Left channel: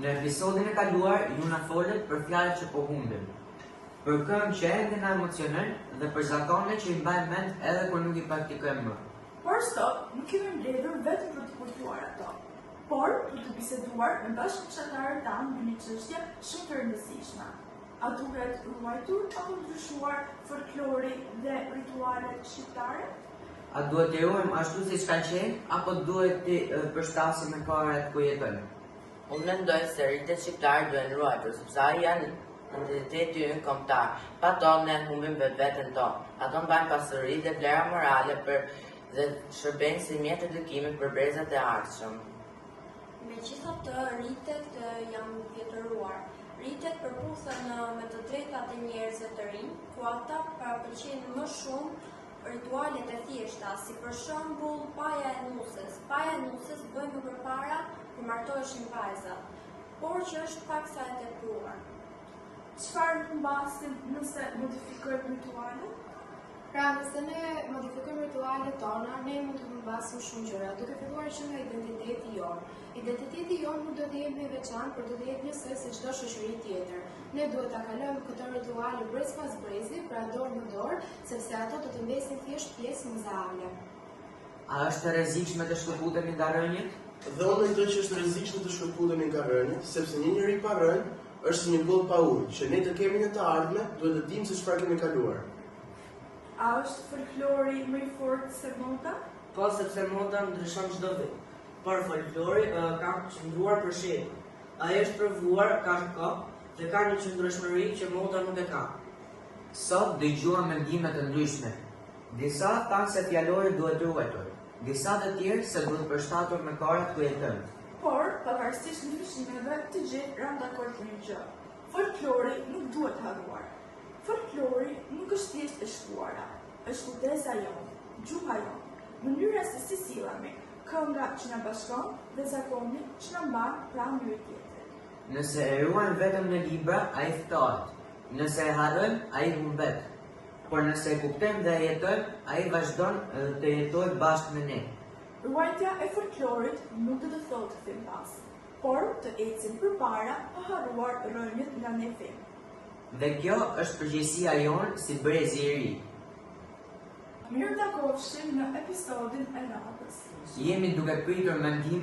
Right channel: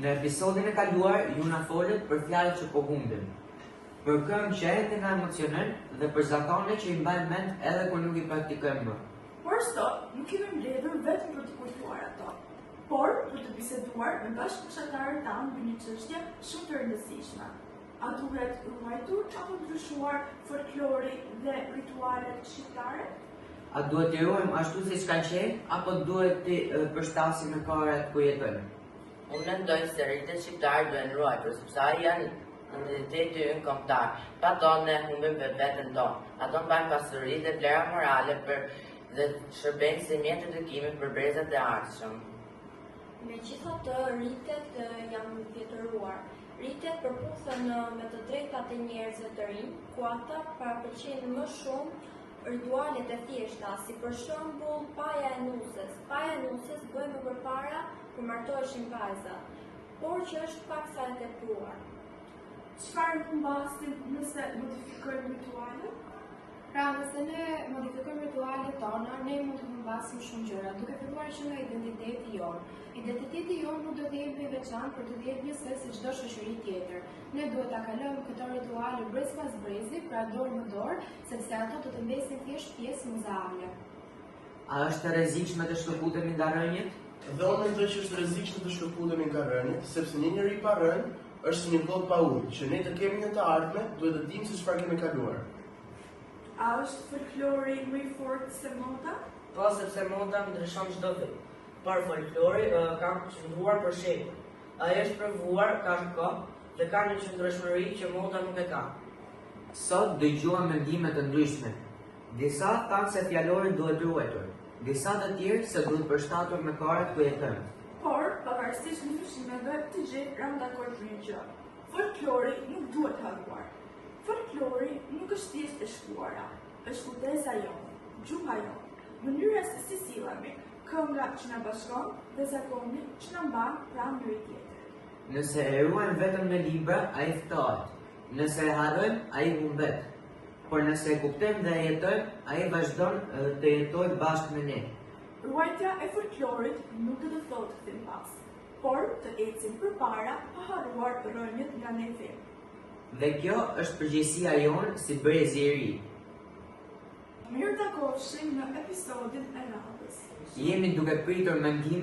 Në episodin e kaluar, ju na folët për fjalët që po humbim, për këngë që edhe na emocionojnë dhe për zakone që i mbajmë mend edhe kur nuk i praktikojmë më. Por sot, nuk kemi mbledhur vetëm për të kujtuar ato, por për të biseduar me bashkëfshatarët tanë mbi një çështje shumë të rëndësishme. A duhet ruajtur apo ndryshuar folklori dhe ritualet shqiptare? A duhet t'i ruajmë ashtu siç kanë qenë, apo duhet t'i përshtasim me kohët ku jetojmë? Unë mendoj se rritet shqiptarë duhen ruajtur, sepse janë identiteti ynë kombëtar. Pa to ne humbim vetveten tonë. Ato mbajnë pasuri dhe vlera morale dhe shërbejnë si mjet edukimi për brezat e ardhshëm. Megjithatë, rritet janë vjetëruar. Rritet përputhen me të drejtat e njerëzve të rinj, ku ata paraqesin më shumë ritualet e thjeshta, si për shembull paja e nusës. Paja e nusës bëhen më përpara kur martoheshin vajzat, por që është pak sa e tepruar. Çfarë humbasim nëse modifikojmë ritualet? Pra, nëse ne modifikojmë ritualet tona, ne mund të humbasim shumë gjëra, duke filluar që nga identiteti jonë. Identiteti jonë nuk do të jetë më veçantë për të jetë njësoj si çdo shoqëri tjetër. Ne duhet ta kalojmë këto rituale brez pas brezi, pra dorë në dorë, sepse ato do të mbesin thjesht pjesë muzeale. A është e rrezikshme të shkëputemi nga rënjët? Dhe unë mendoj që është rrezikshme të shkëputemi nga rënjët, sepse një njeri pa rënë është një gotë pa ujë, që ne të kemi në të ardhmen, duhet të dimë se çfarë kemi kaluar. A është folklori më i fortë se moda? Po, sepse moda ndryshon çdo vit. Por folklori ka qëndruar për shembull. Ai është provuar ka kohë dhe ka një qëndrueshmëri që moda nuk e ka. Sot dëgjuam mendime të ndryshme. Disa thanë se fjallori duhet ruajtur, disa të tjerë se duhet përshtatur me kohët ku jetojmë. Por, pavarësisht ndryshimeve, të gjithë janë dakord për një gjë. Folklori nuk duhet harruar. Folklori nuk është thjesht e shkruara, është kujtesa jonë, gjuha jonë, mënyra se si sillemi, kënga që na bashkon dhe zakoni që na mban pranë njëri tjetrit. Nëse e ruajmë vetëm në libra, ai ftohet. Nëse e harrojmë, ai humbet. Por nëse e kuptojmë dhe e jetojmë, ai vazhdon të jetojë bashkë me ne. Ruajtja e folklorit nuk do të thotë film pas, por të ecim përpara pa harruar rënjët nga ne film. Dhe kjo është përgjegjësia jonë si brezi i ri. Mirë takofshim në episodin e radhës. Jemi duke pritur mendime